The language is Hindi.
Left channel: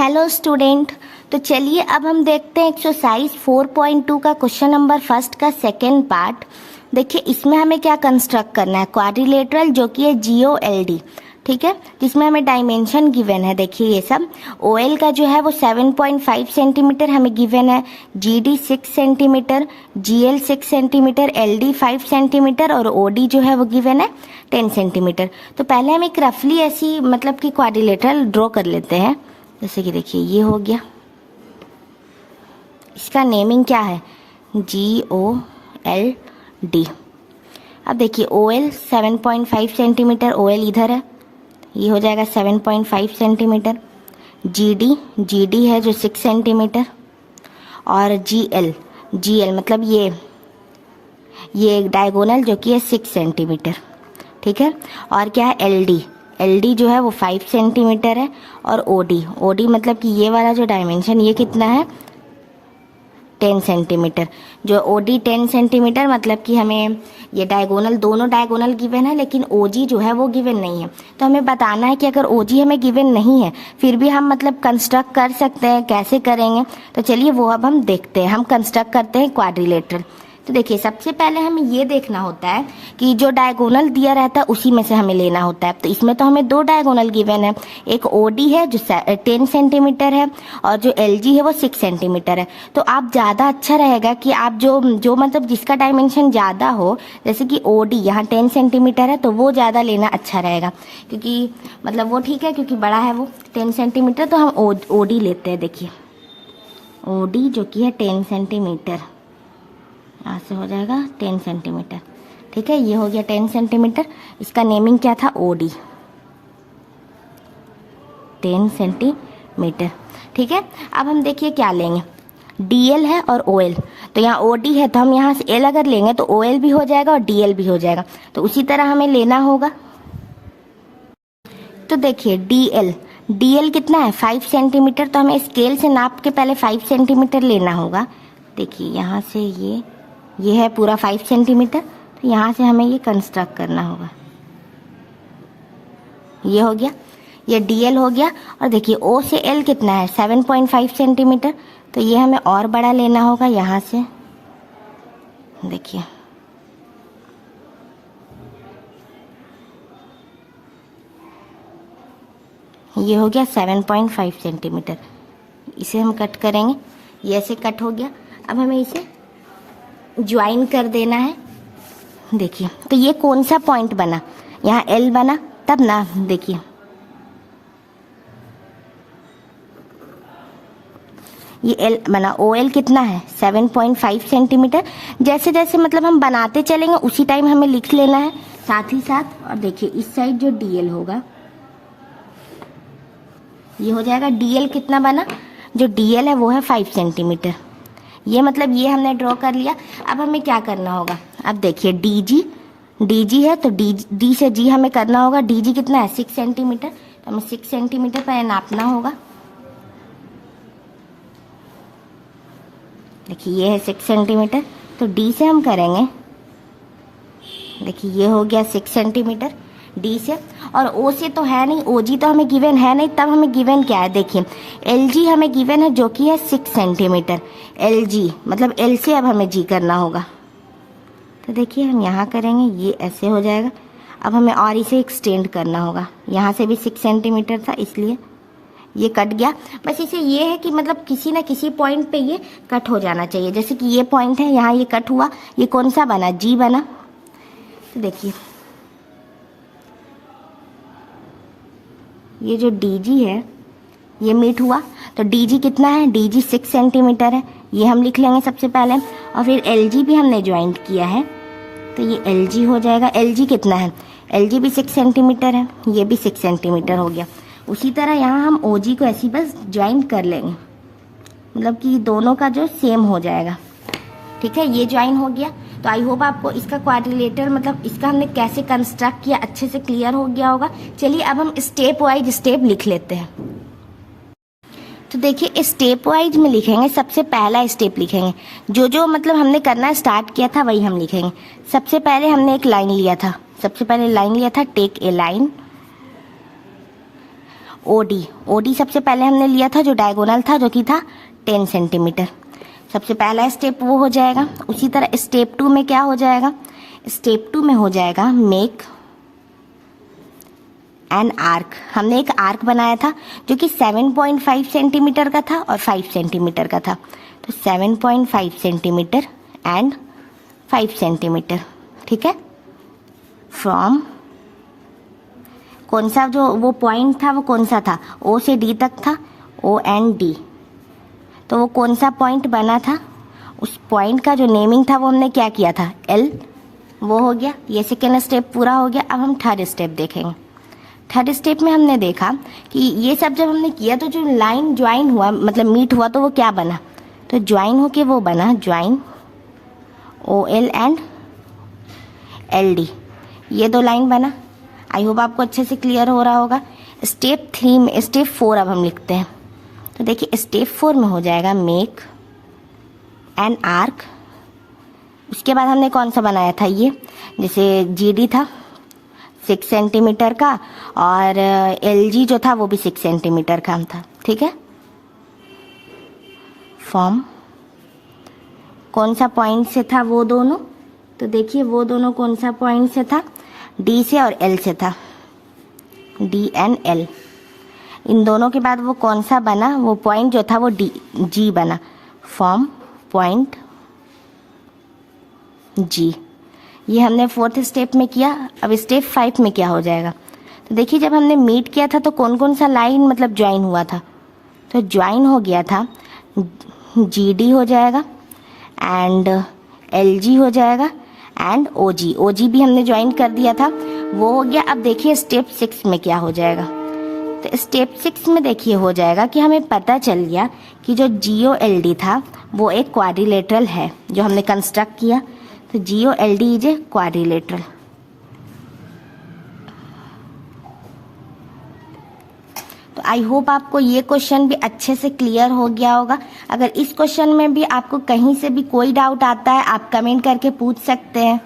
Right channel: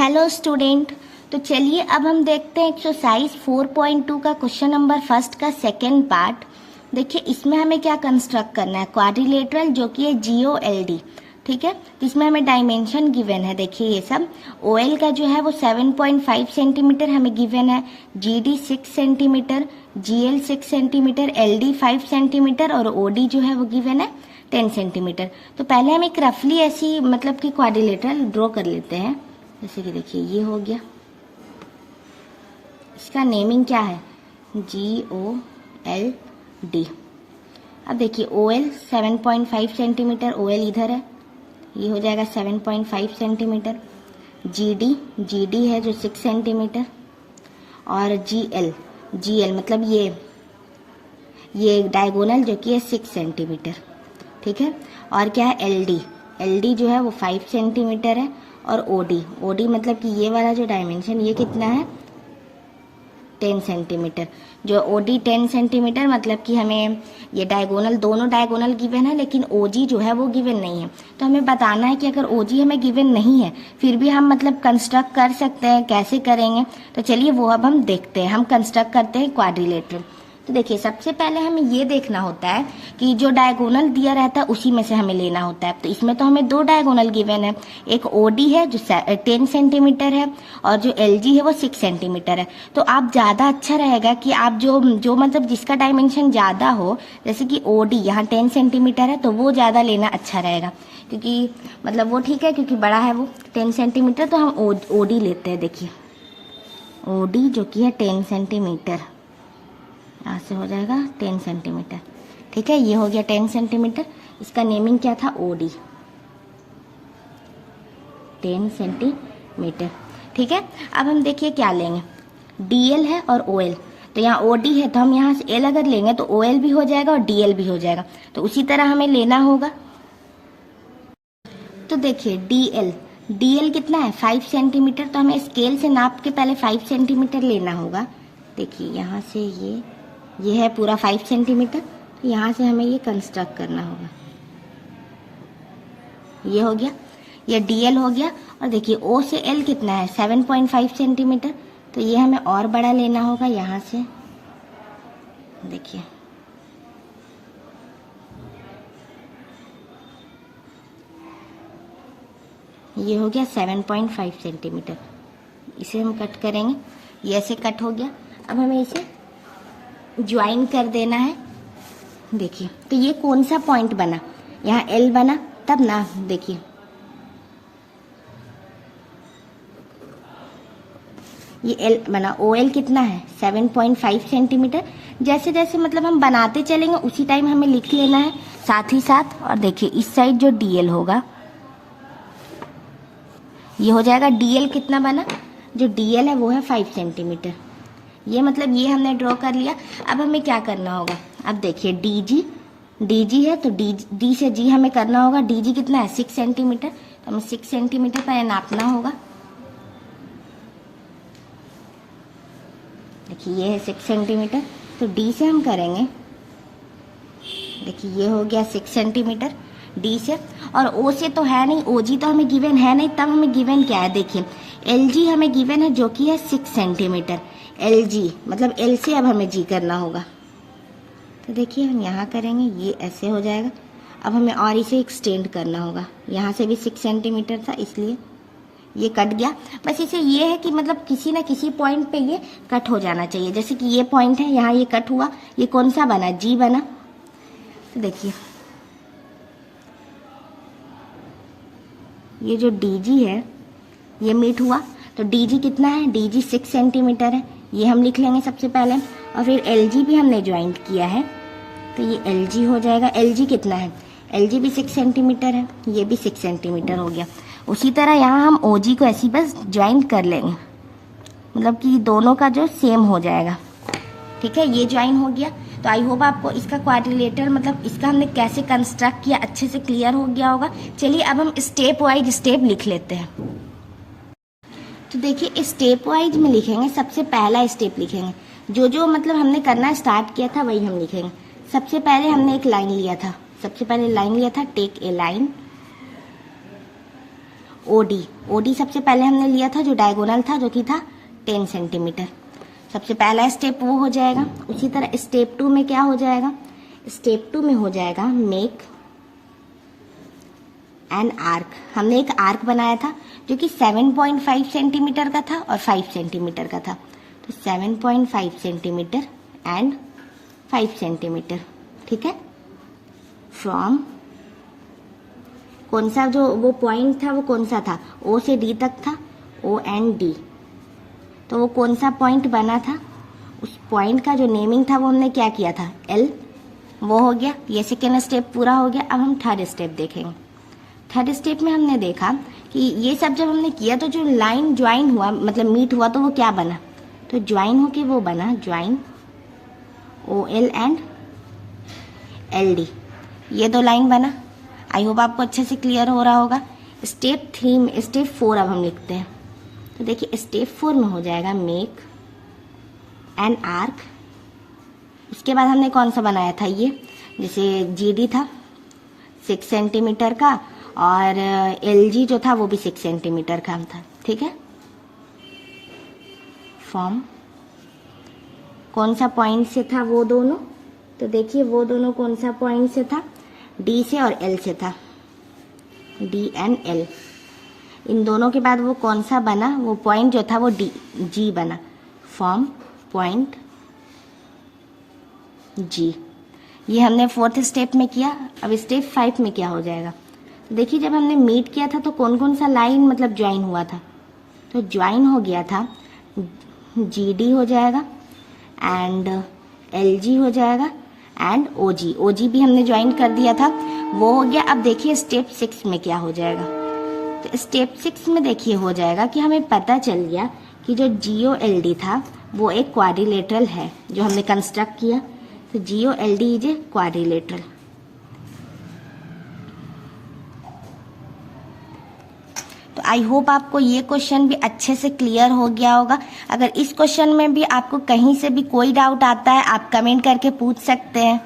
Hello student. तो चलिए अब हम देखते हैं एक्सरसाइज 4.2 का क्वेश्चन नंबर फर्स्ट का सेकेंड पार्ट। देखिए इसमें हमें क्या कंस्ट्रक्ट करना है, क्वाड्रिलेटरल जो कि है GOLD, ठीक है, जिसमें हमें डायमेंशन गिवन है। देखिए ये सब OL का जो है वो 7.5 सेंटीमीटर हमें गिवन है, GD 6 centimetre, GL 6 centimetre, LD 5 centimetre और OD जो है वो गिवन है 10 सेंटीमीटर। तो पहले हम एक रफली ऐसी मतलब कि क्वाड्रिलेटरल ड्रॉ कर लेते हैं। जैसे कि देखिए ये हो गया, इसका नेमिंग क्या है GOLD। अब देखिए OL 7.5 सेंटीमीटर, OL इधर है, ये हो जाएगा 7.5 सेंटीमीटर। GD है जो 6 सेंटीमीटर और GL मतलब ये डायगोनल जो कि है 6 सेंटीमीटर, ठीक है। और क्या है LD जो है वो 5 सेंटीमीटर है और OD मतलब कि ये वाला जो डायमेंशन ये कितना है 10 सेंटीमीटर। जो OD 10 सेंटीमीटर मतलब कि हमें ये डायगोनल दोनों डायगोनल गिवन है लेकिन OG जो है वो गिवन नहीं है। तो हमें बताना है कि अगर OG हमें गिवन नहीं है फिर भी हम मतलब कंस्ट्रक्ट कर सकते हैं, कैसे करेंगे। तो चलिए वो अब हम देखते हैं। हम कंस्ट्रक्ट करते हैं क्वाड्रिलेटरल। तो देखिए सबसे पहले हमें ये देखना होता है कि जो डायगोनल दिया रहता है उसी में से हमें लेना होता है। तो इसमें तो हमें दो डायगोनल गिवन है, एक OD है जो 10 सेंटीमीटर है और जो LG है वो 6 सेंटीमीटर है। तो आप ज़्यादा अच्छा रहेगा कि आप जो मतलब जिसका डायमेंशन ज़्यादा हो, जैसे कि OD यहाँ 10 सेंटीमीटर है तो वो ज़्यादा लेना अच्छा रहेगा, क्योंकि मतलब वो ठीक है क्योंकि बड़ा है वो 10 सेंटीमीटर। तो हम OD लेते हैं। देखिए OD जो कि है 10 सेंटीमीटर, यहाँ से हो जाएगा 10 सेंटीमीटर, ठीक है। ये हो गया 10 सेंटीमीटर, इसका नेमिंग क्या था OD 10 सेंटीमीटर, ठीक है। अब हम देखिए क्या लेंगे, DL है और OL। तो यहाँ OD है तो हम यहाँ से L अगर लेंगे तो OL भी हो जाएगा और DL भी हो जाएगा। तो उसी तरह हमें लेना होगा। तो देखिए DL कितना है 5 सेंटीमीटर। तो हमें स्केल से नाप के पहले 5 सेंटीमीटर लेना होगा। देखिए यहाँ से ये है पूरा 5 सेंटीमीटर। तो यहाँ से हमें ये कंस्ट्रक्ट करना होगा। ये हो गया, ये DL हो गया। और देखिए O से L कितना है 7.5 सेंटीमीटर। तो ये हमें और बड़ा लेना होगा यहाँ से। देखिए ये हो गया 7.5 सेंटीमीटर। इसे हम कट करेंगे, ये ऐसे कट हो गया। अब हमें इसे ज्वाइन कर देना है। देखिए तो ये कौन सा पॉइंट बना, यहाँ L बना तब ना। देखिए ये L बना, OL कितना है 7.5 सेंटीमीटर। जैसे जैसे मतलब हम बनाते चलेंगे उसी टाइम हमें लिख लेना है साथ ही साथ। और देखिए इस साइड जो DL होगा ये हो जाएगा, DL कितना बना, जो DL है वो है 5 सेंटीमीटर। ये मतलब ये हमने ड्रॉ कर लिया। अब हमें क्या करना होगा, अब देखिए DG है तो D से G हमें करना होगा। DG कितना है 6 सेंटीमीटर। तो हमें 6 सेंटीमीटर पहले नापना होगा। देखिए ये है 6 सेंटीमीटर, तो D से हम करेंगे। देखिए ये हो गया 6 सेंटीमीटर D से। और O से तो है नहीं, OG तो हमें गिवन है नहीं। तब हमें गिवन क्या है, देखिए LG हमें गिवन है जो कि है 6 सेंटीमीटर। LG मतलब L से अब हमें G करना होगा। तो देखिए हम यहाँ करेंगे, ये ऐसे हो जाएगा। अब हमें और इसे एक्सटेंड करना होगा। यहाँ से भी 6 सेंटीमीटर था इसलिए ये कट गया। बस इसे ये है कि मतलब किसी न किसी पॉइंट पे ये कट हो जाना चाहिए। जैसे कि ये पॉइंट है, यहाँ ये कट हुआ, ये कौन सा बना, G बना। तो देखिए ये जो DG है ये मीट हुआ। तो DG कितना है, DG 6 सेंटीमीटर है, ये हम लिख लेंगे सबसे पहले। और फिर LG भी हमने ज्वाइंट किया है तो ये LG हो जाएगा। LG कितना है, LG भी 6 सेंटीमीटर है, ये भी 6 सेंटीमीटर हो गया। उसी तरह यहाँ हम OG को ऐसी बस ज्वाइंट कर लेंगे, मतलब कि दोनों का जो सेम हो जाएगा, ठीक है। ये ज्वाइन हो गया। तो आई होप आपको इसका क्वाड्रिलेटर मतलब इसका हमने कैसे कंस्ट्रक्ट किया अच्छे से क्लियर हो गया होगा। चलिए अब हम स्टेप वाइज स्टेप लिख लेते हैं। तो देखिए स्टेप वाइज में लिखेंगे। सबसे पहला स्टेप लिखेंगे, जो मतलब हमने करना स्टार्ट किया था वही हम लिखेंगे। सबसे पहले हमने एक लाइन लिया था, take a line. OD, OD सबसे पहले हमने लिया था जो डायगोनल था, जो कि था 10 सेंटीमीटर। सबसे पहला स्टेप वो हो जाएगा। उसी तरह स्टेप 2 में क्या हो जाएगा, स्टेप 2 में हो जाएगा मेक एन आर्क। हमने एक आर्क बनाया था जो कि 7.5 सेंटीमीटर का था और 5 सेंटीमीटर का था। तो 7.5 सेंटीमीटर एंड 5 सेंटीमीटर, ठीक है। फ्रॉम कौन सा जो वो पॉइंट था वो कौन सा था, ओ से डी तक था, ओ एंड डी। तो वो कौन सा पॉइंट बना था, उस पॉइंट का जो नेमिंग था वो हमने क्या किया था, एल। वो हो गया, ये सेकेंड स्टेप पूरा हो गया। अब हम थर्ड स्टेप देखेंगे। थर्ड स्टेप में हमने देखा कि ये सब जब हमने किया तो जो लाइन ज्वाइन हुआ, मतलब मीट हुआ, तो वो क्या बना, तो ज्वाइन होके वो बना join O L and L D. ये दो लाइन बना। आई होप आपको अच्छे से क्लियर हो रहा होगा। स्टेप 3 में, स्टेप 4 अब हम लिखते हैं। तो देखिए स्टेप 4 में हो जाएगा मेक एन आर्क। उसके बाद हमने कौन सा बनाया था, ये जैसे जीडी था 6 सेंटीमीटर का और एलजी जो था वो भी 6 सेंटीमीटर का था, ठीक है। फॉर्म कौन सा पॉइंट से था वो दोनों, तो देखिए वो दोनों कौन सा पॉइंट से था, डी से और एल से था, डी एंड एल। इन दोनों के बाद वो कौन सा बना, वो पॉइंट जो था वो डी जी बना। फॉर्म पॉइंट जी। ये हमने फोर्थ स्टेप में किया। अब स्टेप 5 में क्या हो जाएगा, तो देखिए जब हमने मीट किया था तो कौन कौन सा लाइन मतलब ज्वाइन हुआ था, तो ज्वाइन हो गया था जी डी हो जाएगा एंड एल जी हो जाएगा एंड ओ जी। ओ जी भी हमने ज्वाइन कर दिया था, वो हो गया। अब देखिए स्टेप 6 में क्या हो जाएगा, तो स्टेप 6 में देखिए हो जाएगा कि हमें पता चल गया कि जो जी ओ एल डी था वो एक क्वाड्रिलेटरल है जो हमने कंस्ट्रक्ट किया। तो G O L D is a quadrilateral. तो आई होप आपको ये क्वेश्चन भी अच्छे से क्लियर हो गया होगा। अगर इस क्वेश्चन में भी आपको कहीं से भी कोई डाउट आता है आप कमेंट करके पूछ सकते हैं।